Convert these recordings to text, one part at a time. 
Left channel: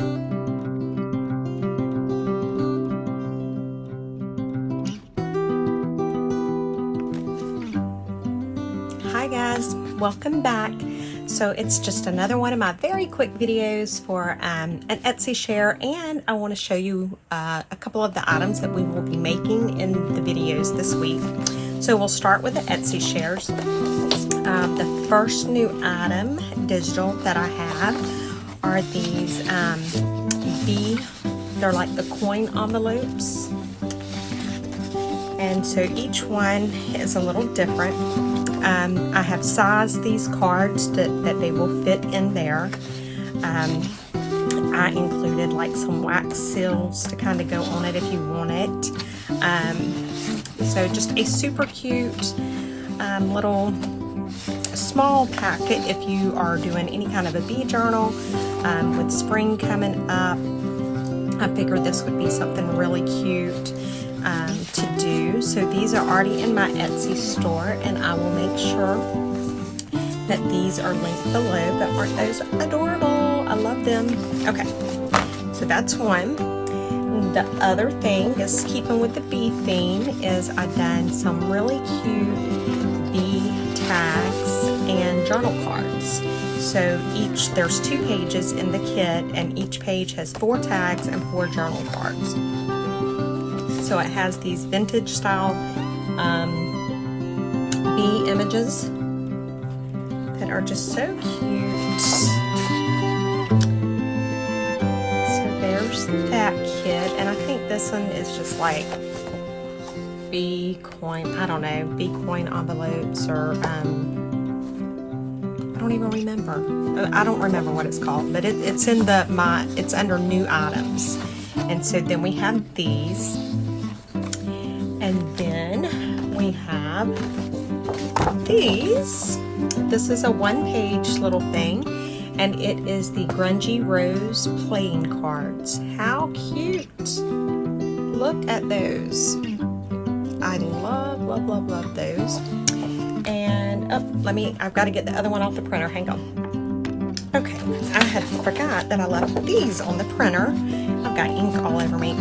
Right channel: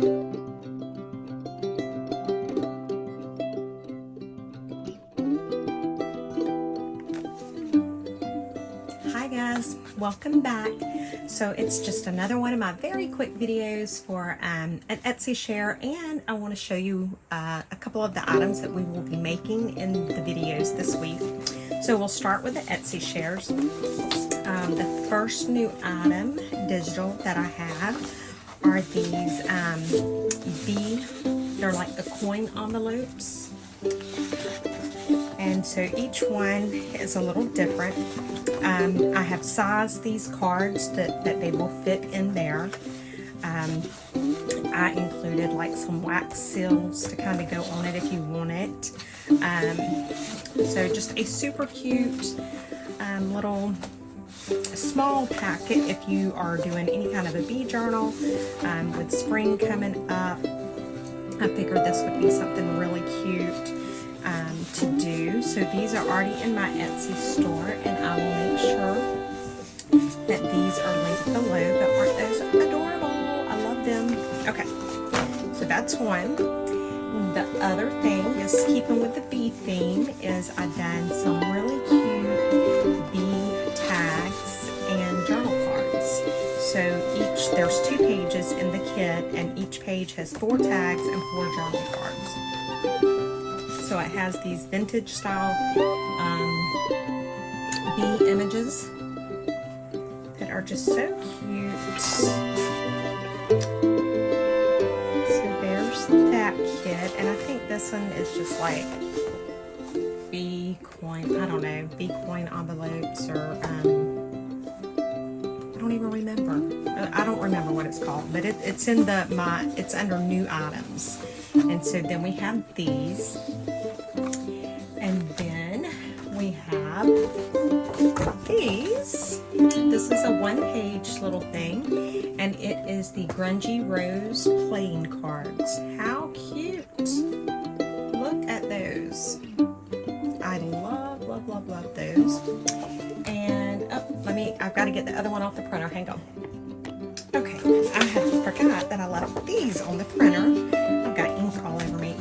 Hi guys, welcome back. So it's just another one of my very quick videos for an Etsy share, and I want to show you a couple of the items that we will be making in the videos this week. So we'll start with the Etsy shares. The first new item, digital, that I have are these they're like the coin envelopes. And so each one is a little different. I have sized these cards that they will fit in there. I included like some wax seals to kind of go on it if you want it. So just a super cute little small packet if you are doing any kind of a bee journal. With spring coming up, I figured this would be something really cute to do. So these are already in my Etsy store, and I will make sure that these are linked below. But aren't those adorable? I love them. Okay, so that's one. The other thing is, keeping with the bee theme, is I've done some really cute bee tags and journal cards. So there's 2 pages in the kit, and each page has 4 tags and 4 journal cards. So it has these vintage style bee images that are just so cute. So there's that kit, and I think this one is just like bee coin, I don't know, bee coin envelopes, or I don't even remember. I don't remember what it's called, but it's in it's under new items. And so then we have these. And then we have these. This is a 1-page little thing, and it is the Grungy Rose playing cards. How cute! Look at those. I love those. And I've got to get the other one off the printer. Hang on. Okay, I had forgot that I left these on the printer. I've got ink all over me.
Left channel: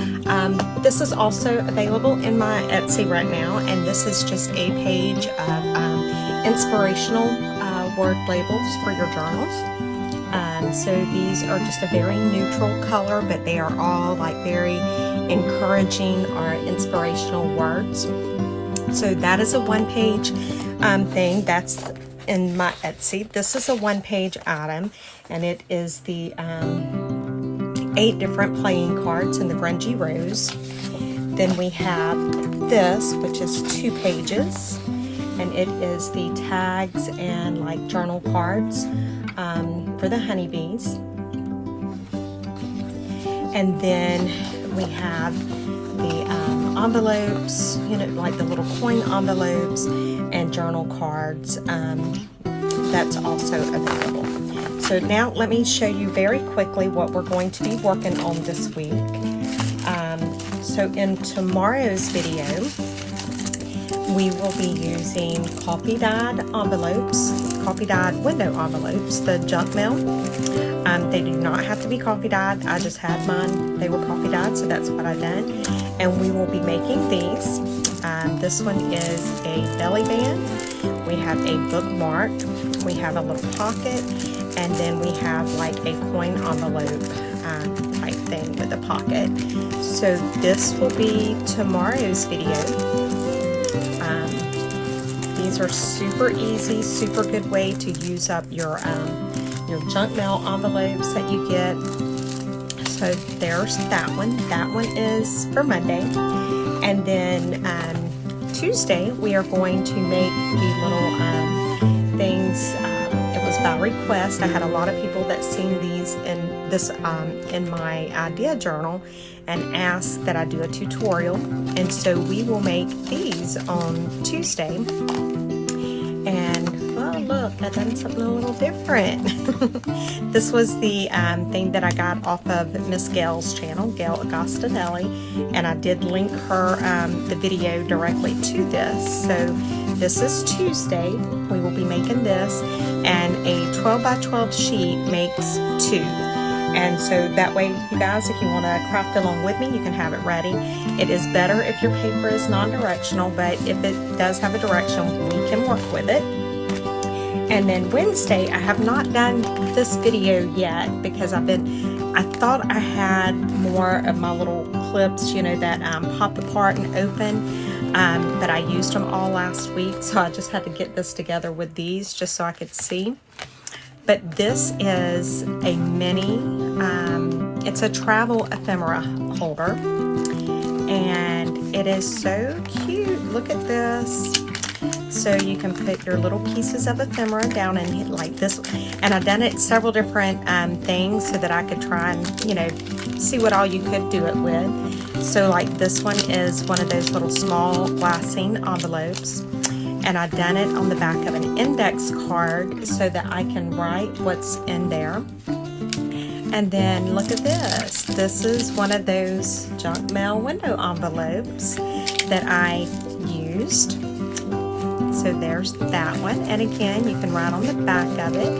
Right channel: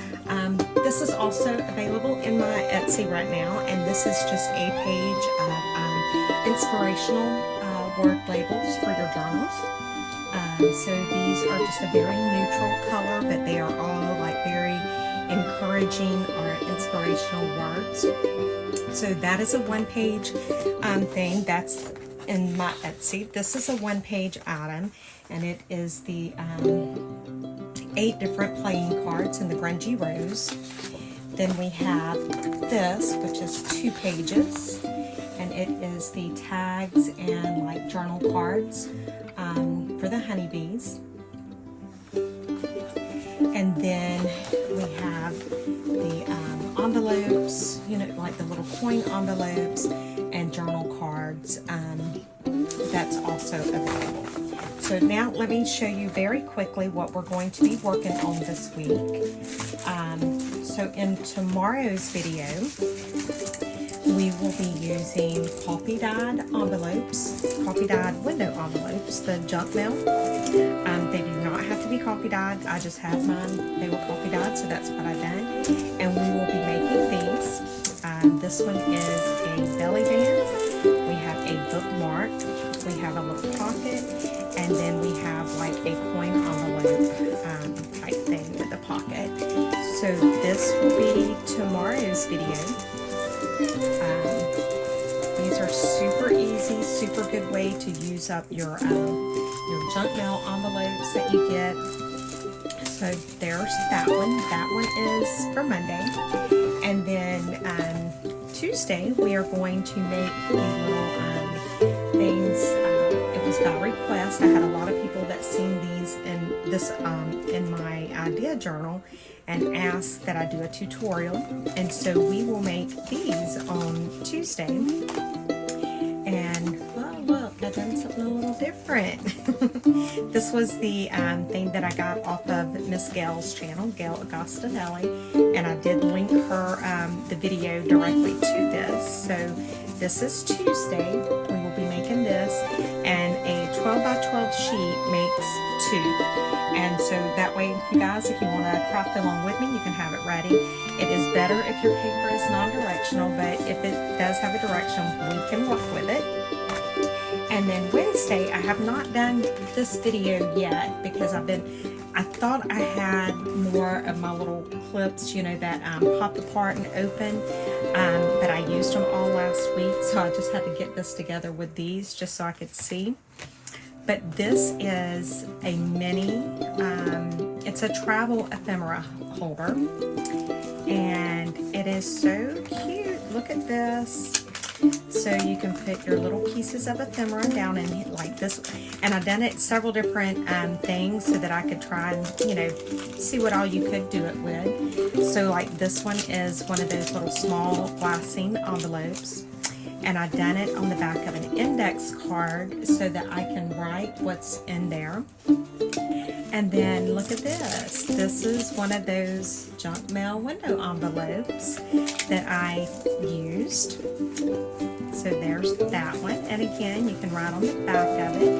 This is also available in my Etsy right now, and this is just a page of inspirational word labels for your journals. So these are just a very neutral color, but they are all like very encouraging or inspirational words. So that is a 1-page thing that's in my Etsy. This is a 1-page item, and it is the 8 different playing cards in the Grungy Rose. Then we have this, which is 2 pages, and it is the tags and like journal cards for the honeybees. And then we have the envelopes, like the little coin envelopes and journal cards. That's also available. So now let me show you very quickly what we're going to be working on this week. So in tomorrow's video, we will be using coffee-dyed envelopes, coffee-dyed window envelopes, the junk mail. They do not have to be coffee-dyed. I just had mine. They were coffee-dyed, so that's what I've done. And we will be making these. This one is a belly band. We have a bookmark. We have a little pocket. And then we have like a coin envelope type thing with a pocket. So this will be tomorrow's video. These are super easy, super good way to use up your junk mail envelopes that you get. So there's that one. That one is for Monday. And then Tuesday we are going to make the little things. It was by request. I had a lot of people that seen these in my idea journal and asked that I do a tutorial, and so we will make these on Tuesday. And oh look, I've done something a little different. This was the thing that I got off of Miss Gail's channel, Gail Agostinelli, and I did link her the video directly to this. So this is Tuesday. We will be making this, and a 12 by 12 sheet makes 2. And so that way, you guys, if you want to craft along with me, you can have it ready. It is better if your paper is non-directional, but if it does have a direction, we can work with it. And then Wednesday, I have not done this video yet because I thought I had more of my little clips, you know, that pop apart and open, but I used them all last week, so I just had to get this together with these just so I could see. But this is a mini, it's a travel ephemera holder, and it is so cute. Look at this. So you can put your little pieces of ephemera down in like this, and I've done it several different things so that I could try and, you know, see what all you could do it with. So like this one is one of those little small glassine envelopes, and I've done it on the back of an index card so that I can write what's in there. And then look at this. This is one of those junk mail window envelopes that I used. So there's that one. And again, you can write on the back of it.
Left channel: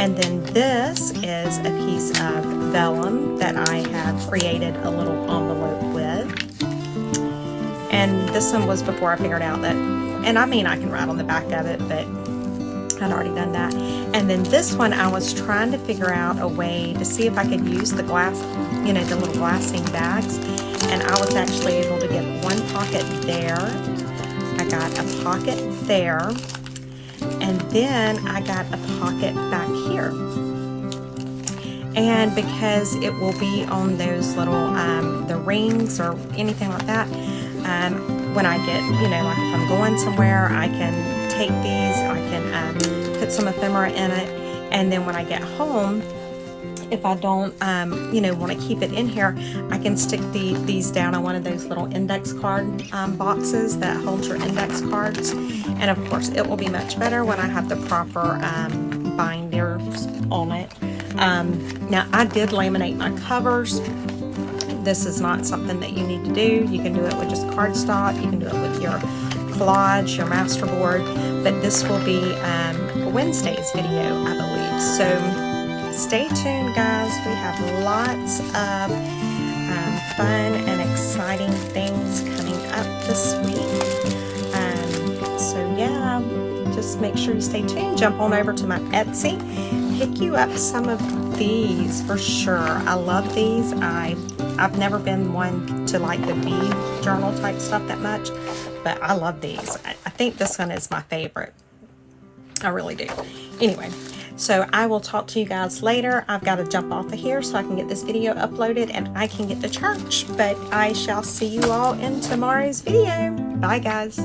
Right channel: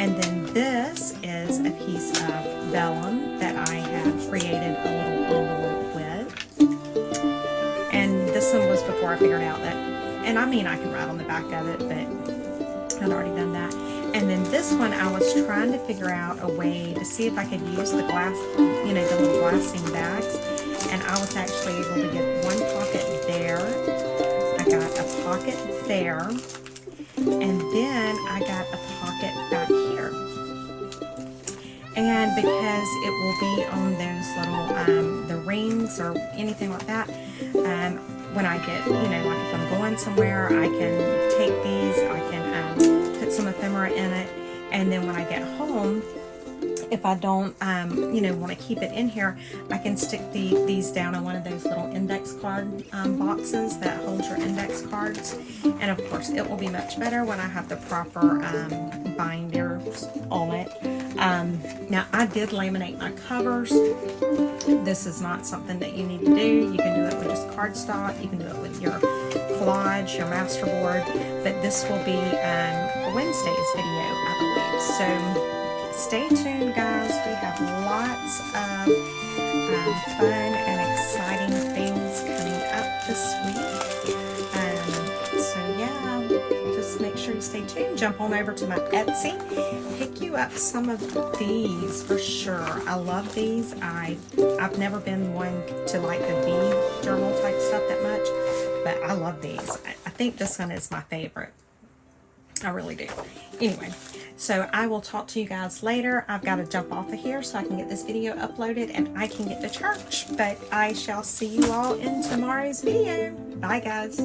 And then this is a piece of vellum that I have created a little envelope with. And this one was before I figured out that, and I mean I can write on the back of it, but I'd already done that. And then this one, I was trying to figure out a way to see if I could use the glass, you know, the little glassine bags. And I was actually able to get one pocket there. I got a pocket there. And then I got a pocket back here. And because it will be on those little, the rings or anything like that, when I get, you know, like if I'm going somewhere, I can take these, I can put some ephemera in it, and then when I get home, if I don't, you know, want to keep it in here, I can stick these down on one of those little index card boxes that hold your index cards. And of course, it will be much better when I have the proper binders on it. Now, I did laminate my covers. This is not something that you need to do. You can do it with just cardstock. You can do it with your collage, your masterboard. But this will be Wednesday's video, I believe. So stay tuned, guys. We have lots of fun and exciting things coming up this week. So yeah, just make sure you stay tuned. Jump on over to my Etsy. Pick you up some of these for sure. I love these. I've never been one to like the bee journal type stuff that much, but I love these. I think this one is my favorite. I really do. Anyway, so I will talk to you guys later. I've got to jump off of here so I can get this video uploaded and I can get to church. But I shall see you all in tomorrow's video. Bye, guys.